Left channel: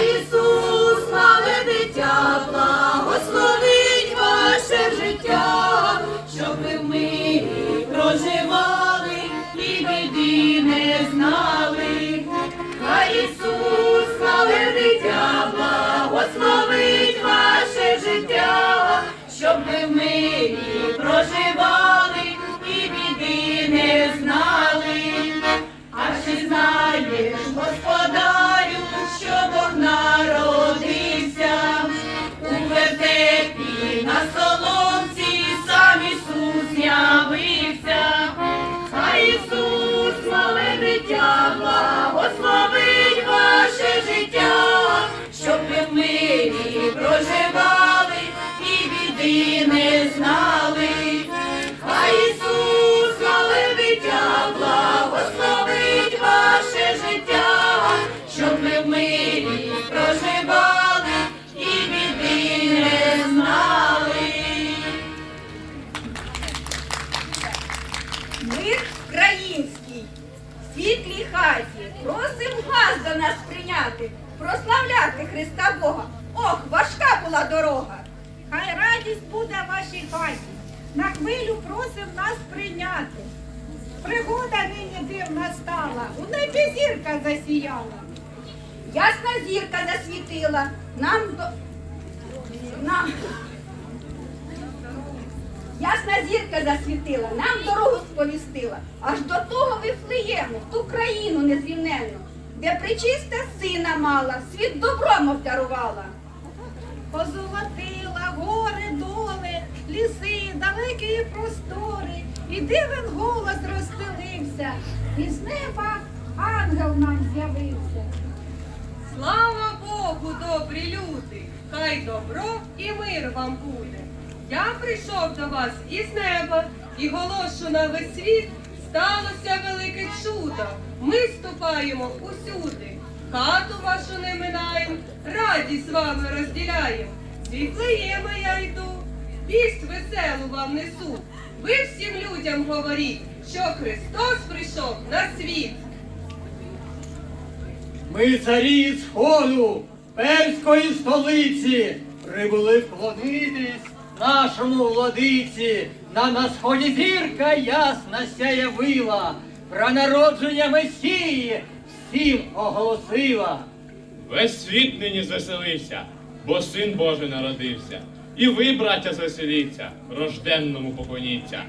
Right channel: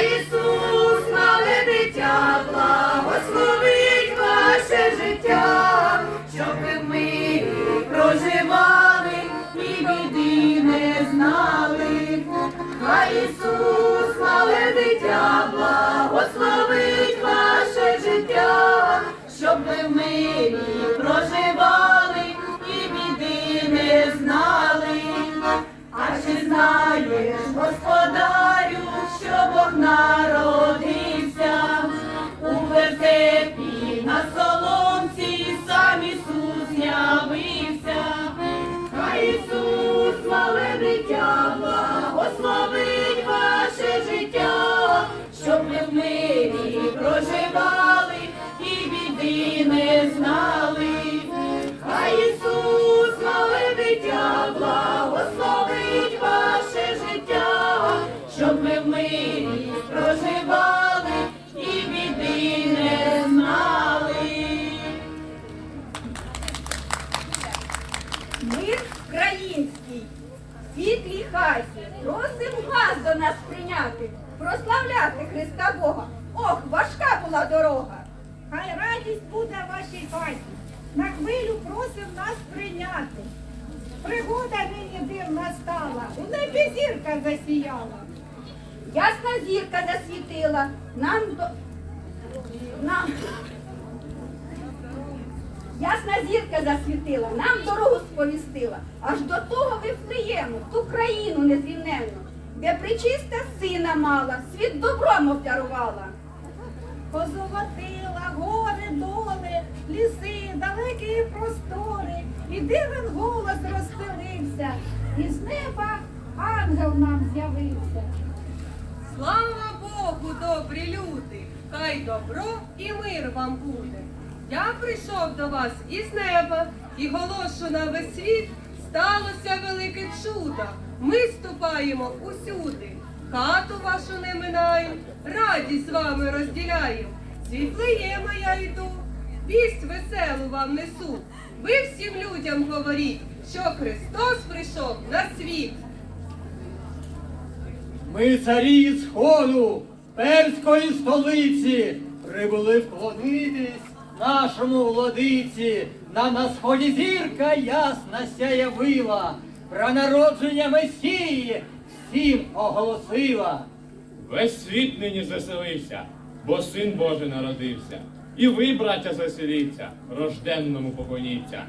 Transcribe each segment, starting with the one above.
Ісус, мале дитя, благословить життя, щоб ми в мирі і не знали. А Ісус, мале дитя, благословить ваше життя, щоб ви в мирі проживали і біди не знали. Мир український, в світлій хаті, просим газ до нас прийняти, прославляти Христа Бога. Ох, важка була дорога. Хай радість буде вашій хаті. На хвилю просим нас прийняти. Пригода нині дивна стала, у небі зірка засіяла. Ясна зірка засвітила, нам до... Нам... Ясна зірка засвітила, нам дорогу сповістила, аж до того Вифлеєму, в ту країну незрівненну, де причиста сина мала, світ добром обдарувала. Доли, ліси, далекі простори, і дивен голос розстелився, і з неба ангел нам з'явився. Слава Богу, добрі люди! Хай добро і мир вам буде. Я прийшов до вас із неба і голошу на весь світ сталося велике чудо. Ми ступаємо усюди, хату вашу не минаєм, радість з вами розділяєм. Світлеєма я йду, вість веселу вам несу. Ви всім людям говоріть, що Христос прийшов на світ. Ми царі сходу, перської столиці, прибули вклонитись нашому владиці. На на сході зірка ясна сяявила, про народження Месії всім оголосила. Весь світ нині звеселився, бо син Божий народився. І ви, браття, засіліться рожденному поклоніться.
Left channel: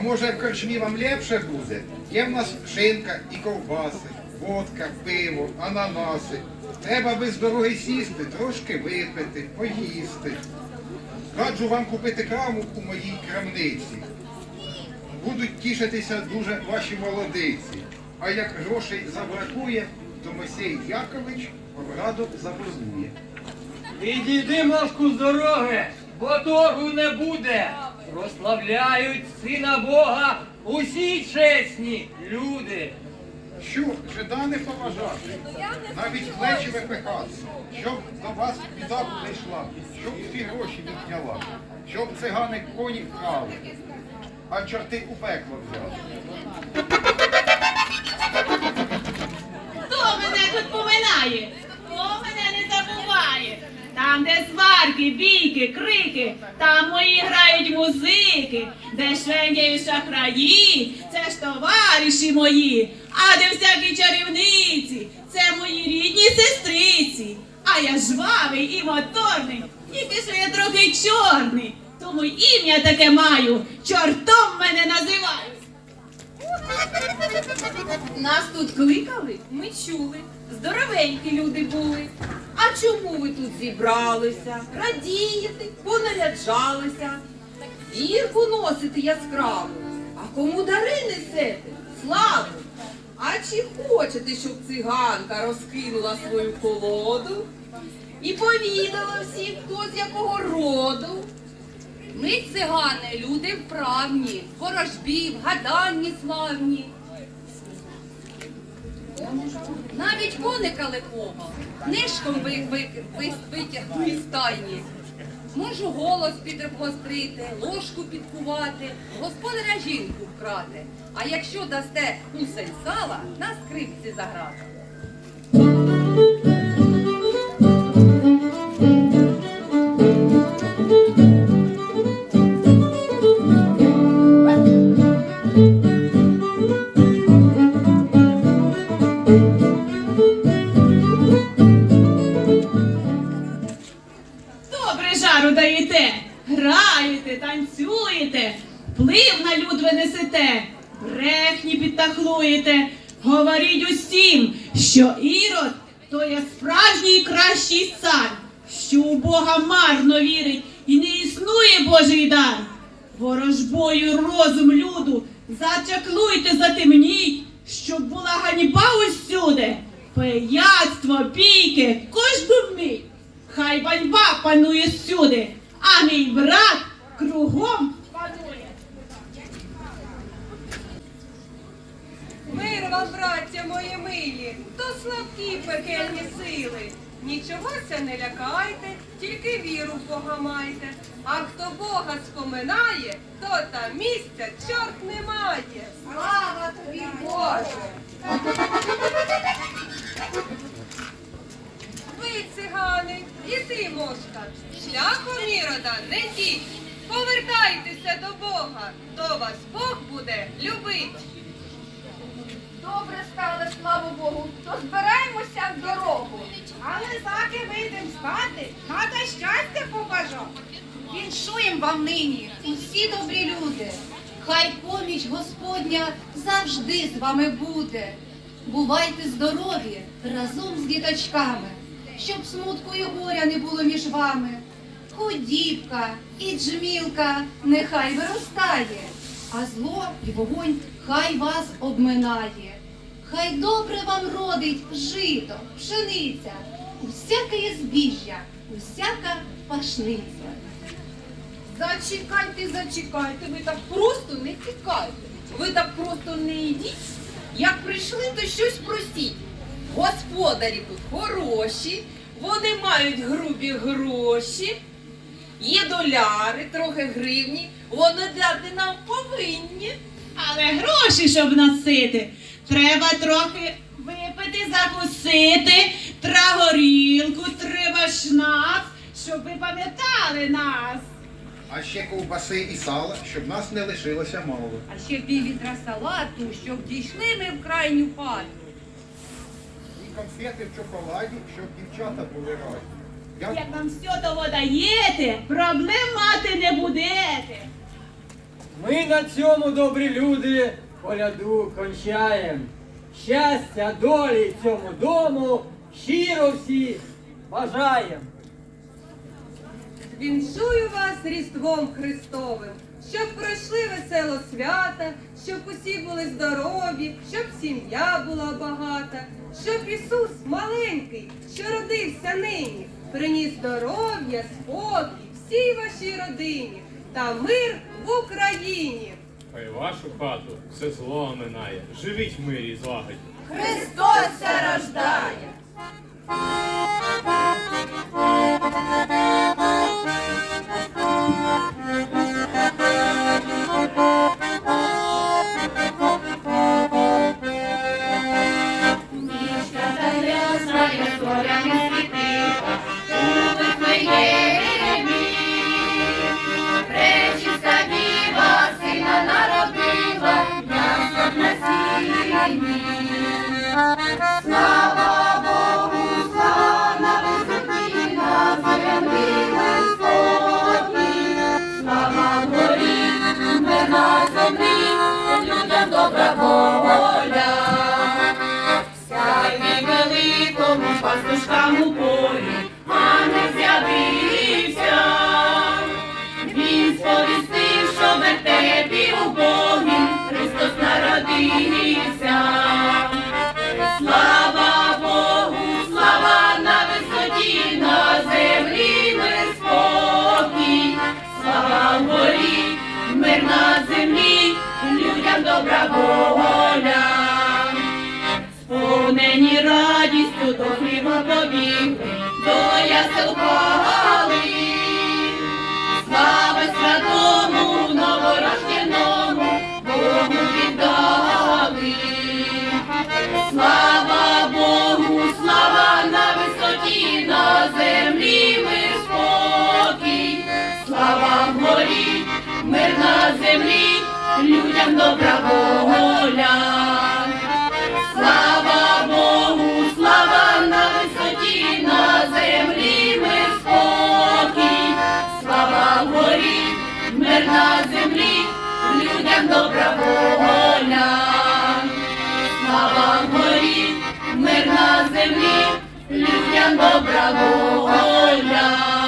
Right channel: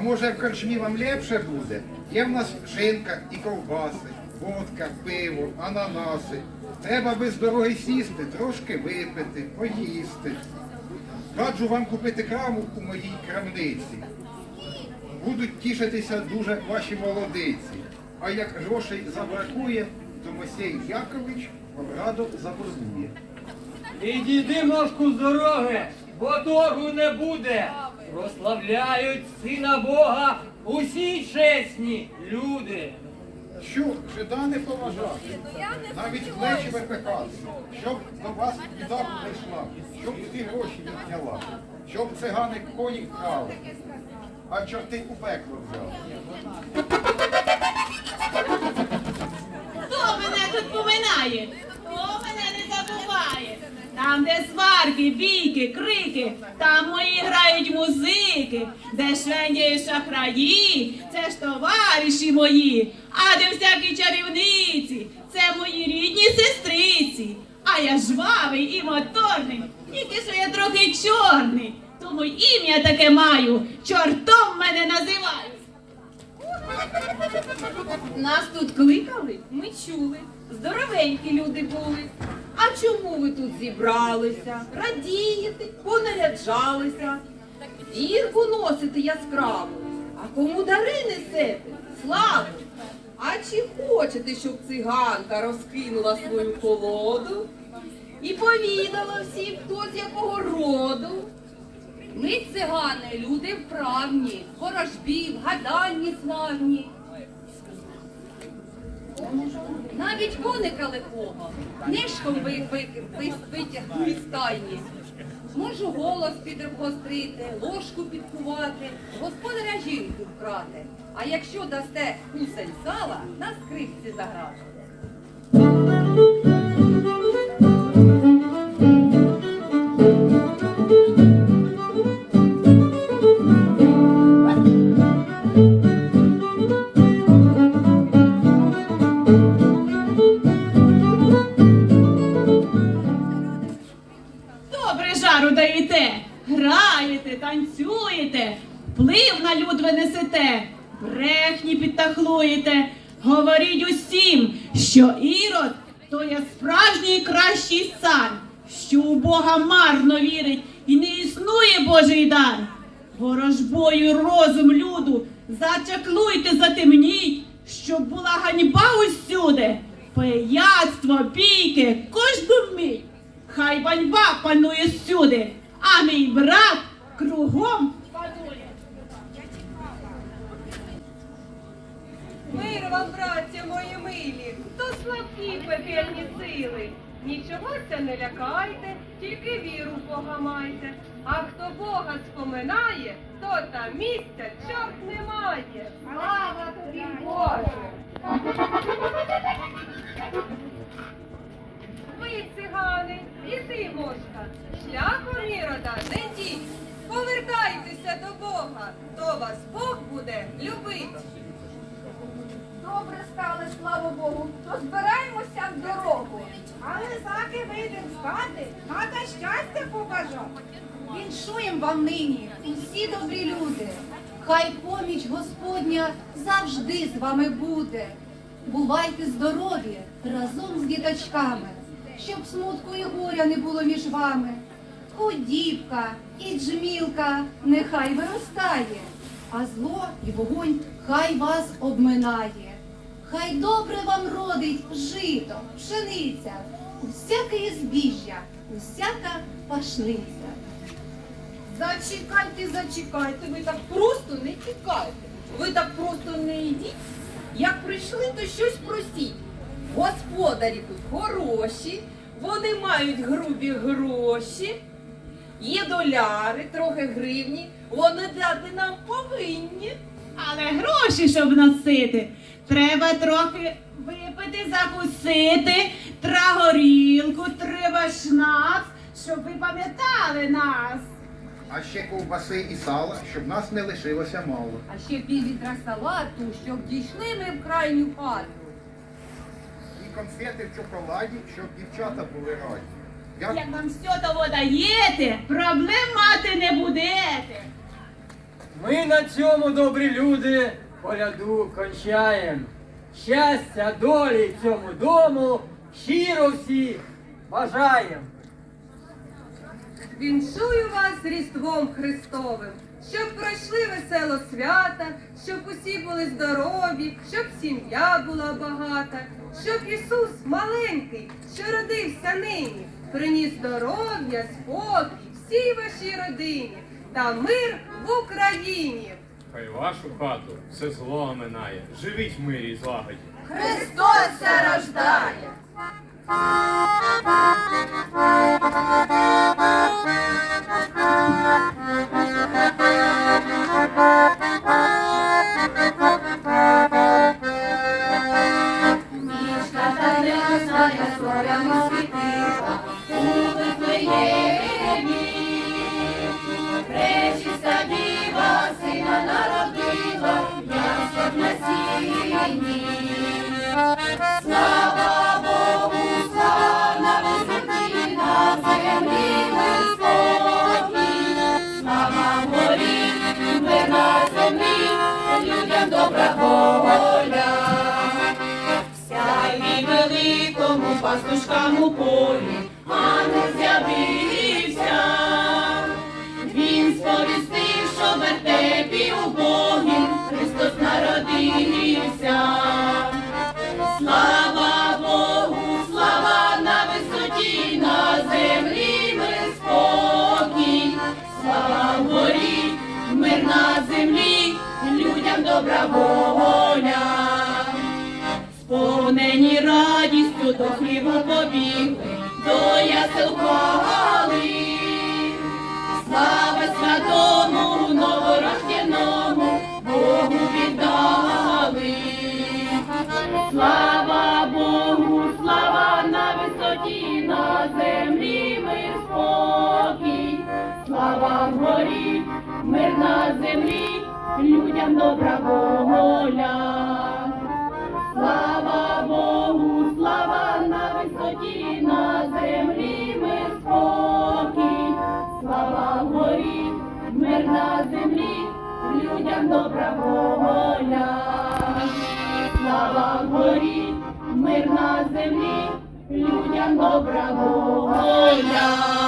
А може в корчмі вам лепше буде? Є в нас шинка і ковбаси, водка, пиво, ананаси. Треба без дороги сісти, трошки випити, поїсти. Раджу вам купити краму у моїй крамниці. Будуть тішитися дуже ваші молодиці. А як грошей забракує, то Мойсей Якович вам радо заборгує. Відійди ножку з дороги, бо торгу не буде. Прославляють сина Бога усі чесні люди. Що, жида не поважати, навіть плечі випихати, щоб до вас біда прийшла, щоб всі гроші відняла, щоб цигани коні вкрали, а чорти у пекло взяли. Хто мене тут поминає? Хто мене не забуває? Там, де сварки, бійки, крики, там мої грають музики, де швендяють шахраї, це ж товариші мої, а де всякі чарівниці, це мої рідні сестриці. А я жвавий і моторний, тільки що я трохи чорний, тому ім'я таке маю, чортом мене називають. Нас тут кликали, ми чули. Здоровенькі люди були. А чому ви тут зібралися? Радієте, понаряджалися, зірку носите яскраву, а кому дари несете? Славу! А чи хочете, щоб циганка розкинула свою колоду і повідала всім, хто з якого роду? Ми цигани, люди вправні, ворожбі, вгаданні славні. Навіть коника лихого нишком ви, ви, ви, витягну із стайні. Можу голос підгострити, ложку підкувати, господаря жінку вкрати. А якщо дасте кусень сала, на скрипці заграти. Граєте, танцюєте, вплив на люд ви несете, брехні підтахлуєте, говоріть усім, що ірод то є справжній кращий цар, що у Бога марно вірить і не існує Божий дар. Ворожбою розум люду, зачаклуйте, затемніть, щоб була ганьба усюди, пияцтво, бійки, кожну мить. Хай ганьба панує всюди, а мій брат кругом панує. Мир вам, браття мої милі, то слабкі пекельні сили. Нічогося не лякайте, тільки віру в Бога майте. А хто Бога споминає, то там місця чорт не має. Слава тобі, Боже! Ви, цигани, і ти, мошка, шляхом ірода не йдіть. Повертайтеся до Бога, то вас Бог буде любить. Добре стали, слава Богу, то збираємося в дорогу. Але заки вийдем з хати, треба щастя побажати. Віншуєм вам нині, усі добрі люди. Хай поміч Господня завжди з вами буде. Бувайте здорові разом з діточками, щоб смутку і горя не було між вами. Худібка і джмілка нехай виростає, а зло й вогонь хай вас обминає. Хай добре вам родить жито, пшениця, усяке збіжжя, усяка пашниця. Зачекайте, зачекайте, ви так просто не тікайте. Ви так просто не йдіть. Як прийшли, то щось просіть. Господарі тут хороші, вони мають грубі гроші, є доляри, трохи гривні, вони дати нам повинні. Але гроші, щоб носити, треба трохи випити, закусити, тра горілку, треба шнапс, щоб ви пам'ятали нас. А ще ковбаси і сала, щоб нас не лишилося мало. А ще піввітра салату, щоб дійшли ми в крайню хату. І конфети в чоколаді, щоб дівчата були раді. Я Як вам все того даєте, проблем мати не будете. Ми на цьому, добрі люди, коляду кончаєм. Щастя, долі цьому дому щиро всі бажаєм. Віншую вас Різдвом Христовим, щоб пройшли весело свята, щоб усі були здорові, щоб сім'я була багата, щоб Ісус маленький, що родився нині, приніс здоров'я, спокій, всій вашій родині та мир в Україні. Хай вашу хату все зло оминає. Живіть в мирі і злагоді. Христос се рождає. Нічка та ясна, я зорями добра воля. Сяйні великому пастушкам у полі, не. Він сповістив, що вертепі у Богі Христос народився. Слава Богу, слава на висоті, на землі мир спокій. Слава горі, мир на землі, людям добра воля. Сповнені радістю до хліба побігли, до ясел пали. Слава святому новорожденому Богу віддали. Слава Богу, слава на висоті, на землі спокій. Слава горі, мир на землі, людям добра воля. Горі, мир на